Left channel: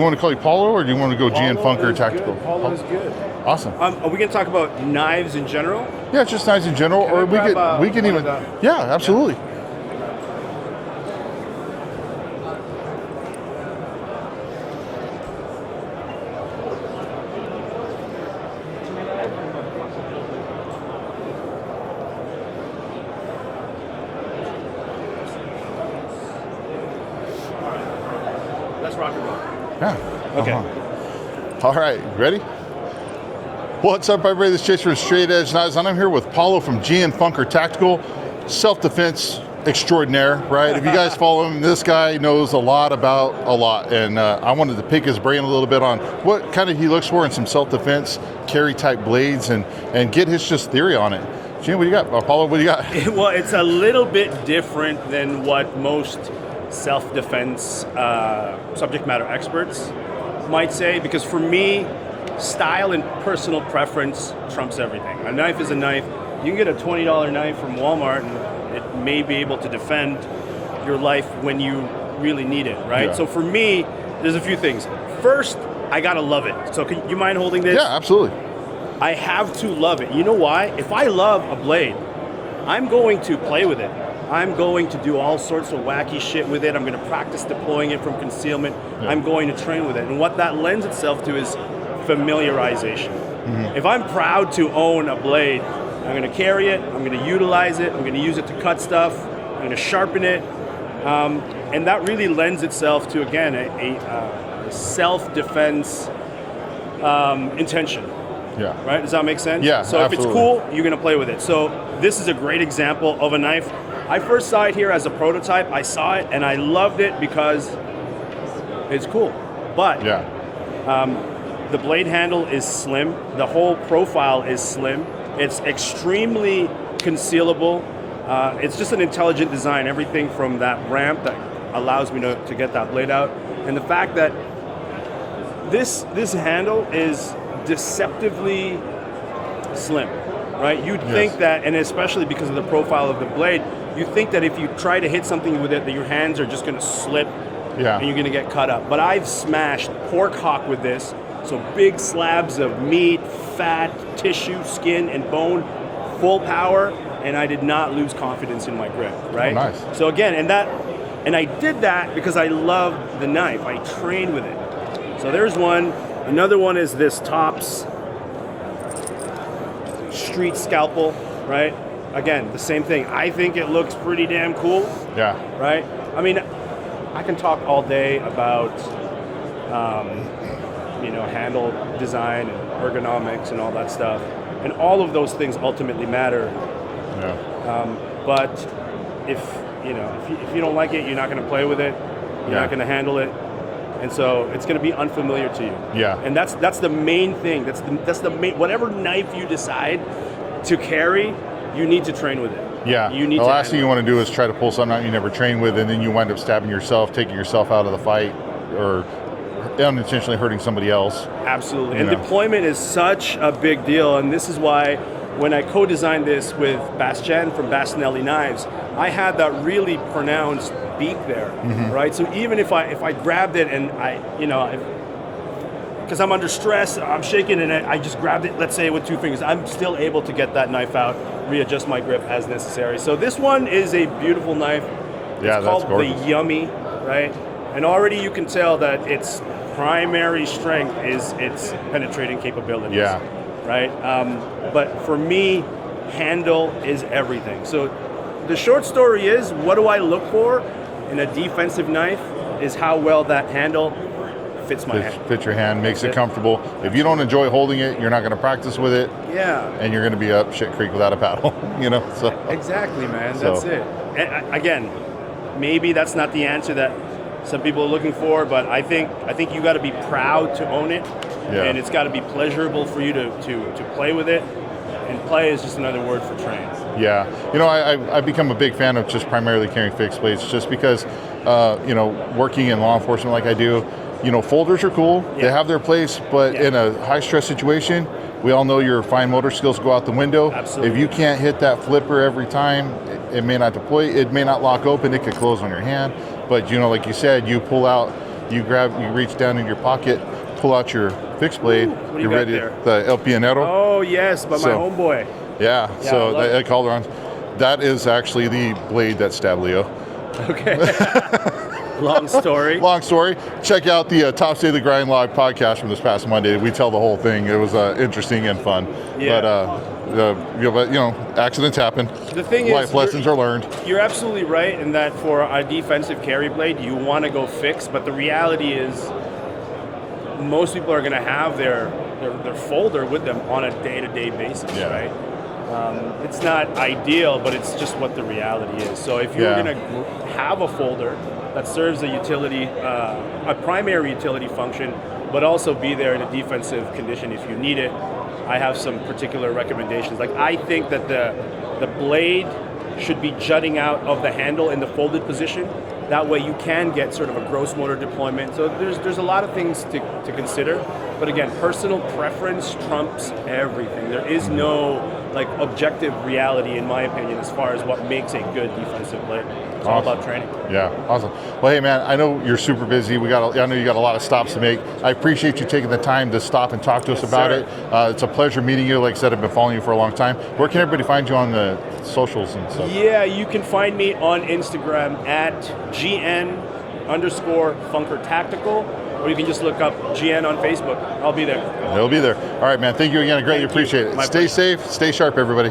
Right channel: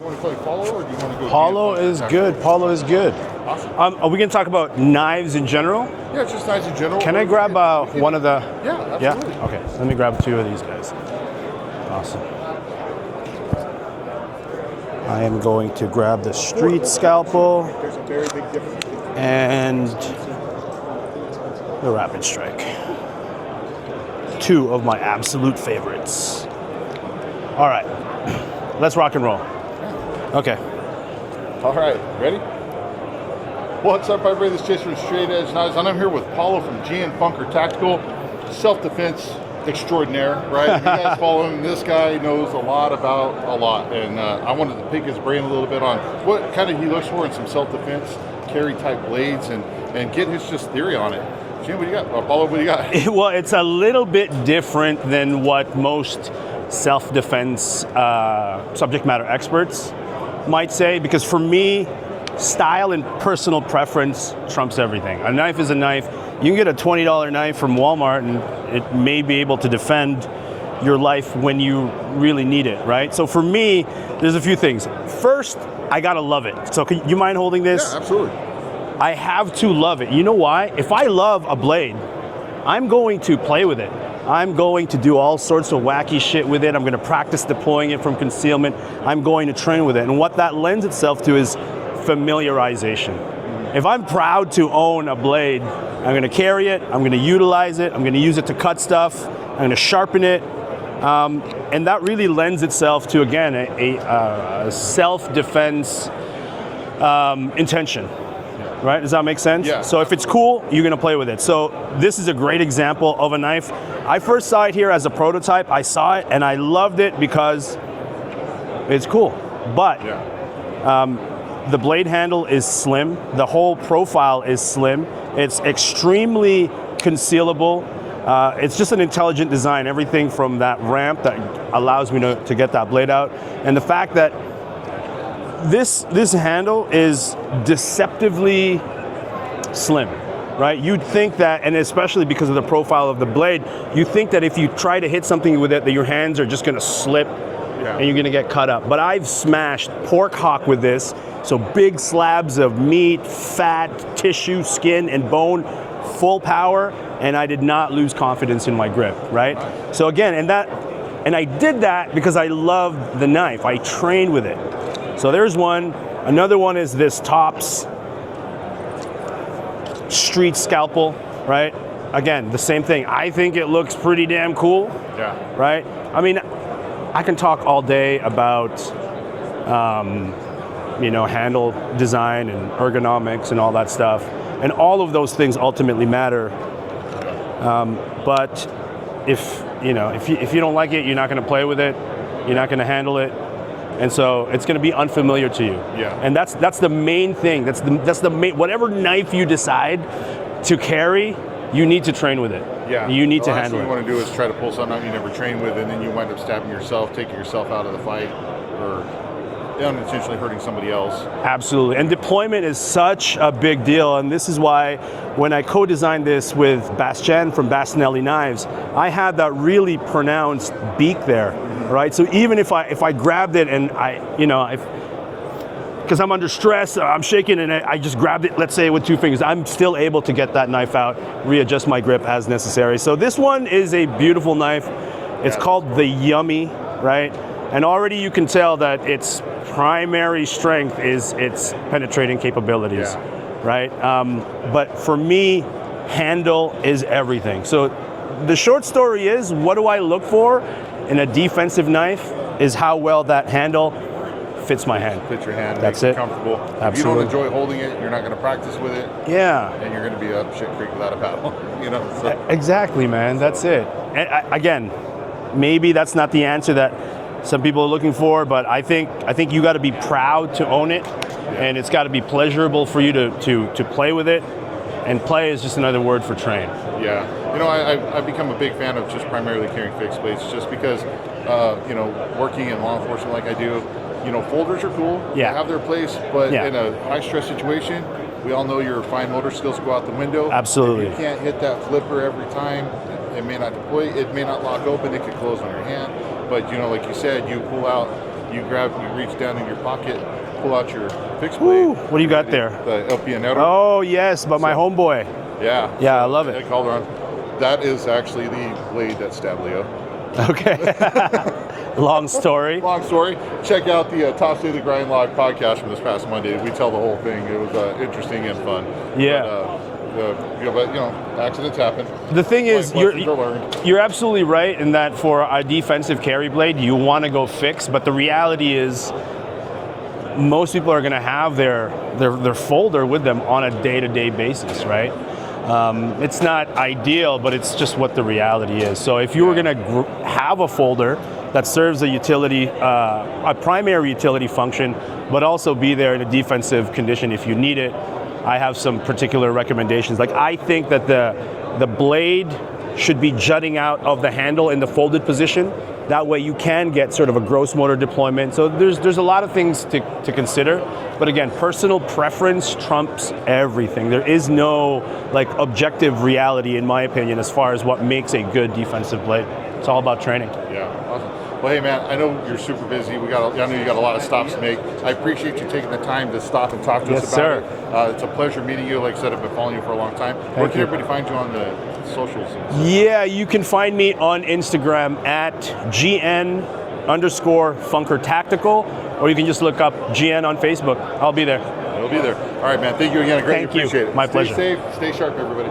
You want to call you Paulo, or do you want to go Paulo GN is Tactical? good. Paulo is good. Awesome. Are we going to talk about knives in general? Yeah, just knives in general. Can I grab one of the? Yeah, absolutely. Yeah? Okay, so let me grab 2 of these guys. Awesome. I am going to grab the street scalpel and the rapid strike. 2 of my absolute favorites. All right, let's rock and roll. Yeah. Okay. All right, ready? What's up, everybody? This is Chase for Straight Edge Knives, and I'm here with Paulo from GN Self-defense extraordinaire, right? If you guys follow him, this guy knows a lot about a lot, and I wanted to pick his brain a little bit on what kind of he looks for in some self-defense carry type blades, and get his just theory on it. Gene, what do you got? Paulo, what do you got? Well, it's a little bit different than what most self-defense subject matter experts might say, because for me, style and personal preference trumps everything. A knife is a knife. You can get a $20 knife from Walmart and it may be able to defend your life when you really need it, right? Yeah. So for me, there's a few things. First, I gotta love it. So can you mind holding this? Yeah, absolutely. I have to love it. You know why? If I love a blade, I'm going to play with it. I'm going to do all sorts of wacky shit with it. I'm going to practice deploying it from concealment. I'm going to train with it. And what that lends itself to is familiarization. Mm-hmm. If I'm proud to own a blade, I'm going to carry it, I'm going to utilize it, I'm going to use it to cut stuff, I'm going to sharpen it. And that really lends itself to, again, a self-defense intention. Yeah. Right? Does that make sense? Yeah. So absolutely. if it's cool, you're going to play with it. So this is a great example of a knife. I first saw it here as a prototype. I saw it and I loved it because it's cool. But the blade handle is slim. The whole profile is slim. It's extremely concealable. It's just an intelligent design. Everything from that ramp that allows me to get that blade out. And the fact that this handle is deceptively slim, right? You'd think that, and especially because of the profile of the blade, you think that if you try to hit something with it, that your hands are just gonna slip and you're gonna get cut up. But I've smashed pork hock with this, so big slabs of meat, fat, tissue, skin, and bone, full power, and I did not lose confidence in my grip, right? Oh, nice. So again, and I did that because I love the knife. I train with it. So there's one. Another one is this Tops street scalpel, right? Again, the same thing. I think it looks pretty damn cool. Yeah. Right? I mean, I can talk all day about, handle design and ergonomics and all that stuff. And all of those things ultimately matter. Yeah. But if you don't like it, you're not going to play with it. You're not going to handle it. And so it's going to be unfamiliar to you. Yeah. And that's the main thing. That's the main. Whatever knife you decide to carry, you need to train with it. Yeah. You need the to. last thing you want to do is try to pull something out you never trained with, and then you wind up stabbing yourself, taking yourself out of the fight, or unintentionally hurting somebody else. Absolutely. And deployment is such a big deal. And this is why when I co-designed this with Bastien from Bastinelli Knives, I had that really pronounced beak there, right? So even if I grabbed it and because I'm under stress, I'm shaking and I just grabbed it, let's say with 2 fingers, I'm still able to get that knife out, readjust my grip as necessary. So this one is a beautiful knife. It's called the Yummy, right? And already you can tell that its primary strength is its penetrating capabilities, right? But for me, handle is everything. So the short story is, what do I look for in a defensive knife is how well that handle fits my hand. Fits your hand, makes it comfortable. Absolutely. If you don't enjoy holding it, you're not going to practice with it. Yeah. And you're going to be up shit creek without a paddle, So. Exactly, man. That's it. And again, maybe that's not the answer that some people are looking for, but I think you got to be proud to own it, and it's got to be pleasurable for you to play with it. And play is just another word for train. Yeah, I've become a big fan of just primarily carrying fixed blades, just because, working in law enforcement like I do, folders are cool. They have their place, but in a high stress situation, we all know your fine motor skills go out the window. Absolutely. If you can't hit that flipper every time, it may not deploy, it may not lock open, it could close on your hand. But like you said, you pull out you reach down in your pocket, pull out your fixed blade. Ooh, what do you got there? The El Pionero. Oh yes, but my homeboy. Yeah, yeah, I so love they call it on. That is actually the blade that stabbed Leo. Okay. Long story. Long story. Check out the Top State of the Grind Live podcast from this past Monday. We tell the whole thing. It was interesting and fun. Yeah. But, accidents happen. The thing is, lessons are learned. You're absolutely right in that for a defensive carry blade, you want to go fix, but the reality is most people are going to have their folder with them on a day-to-day basis, right? It's not ideal, but it's just what the reality is. So if you're going to have a folder that serves a utility, a primary utility function, but also be there in a defensive condition if you need it, I have some particular recommendations. Like, I think that the blade should be jutting out of the handle in the folded position. That way you can get sort of a gross motor deployment. So there's a lot of things to consider. But again, personal preference trumps everything. There is no objective reality, in my opinion, as far as what makes a good defensive blade. It's all about training. Yeah, awesome. Well, hey man, I know you're super busy. I know you got a lot of stops to make. I appreciate you taking the time to stop and talk to us about it. It's a pleasure meeting you. Like I said, I've been following you for a long time. Where can everybody find you on the socials? Yeah, you can find me on Instagram at GN_FUNKERTACTICAL, or you can just look up GN on Facebook. I'll be there. He'll be there. All right, man. Thank you again. I greatly appreciate it. My Stay pleasure. safe. Stay sharp, everybody.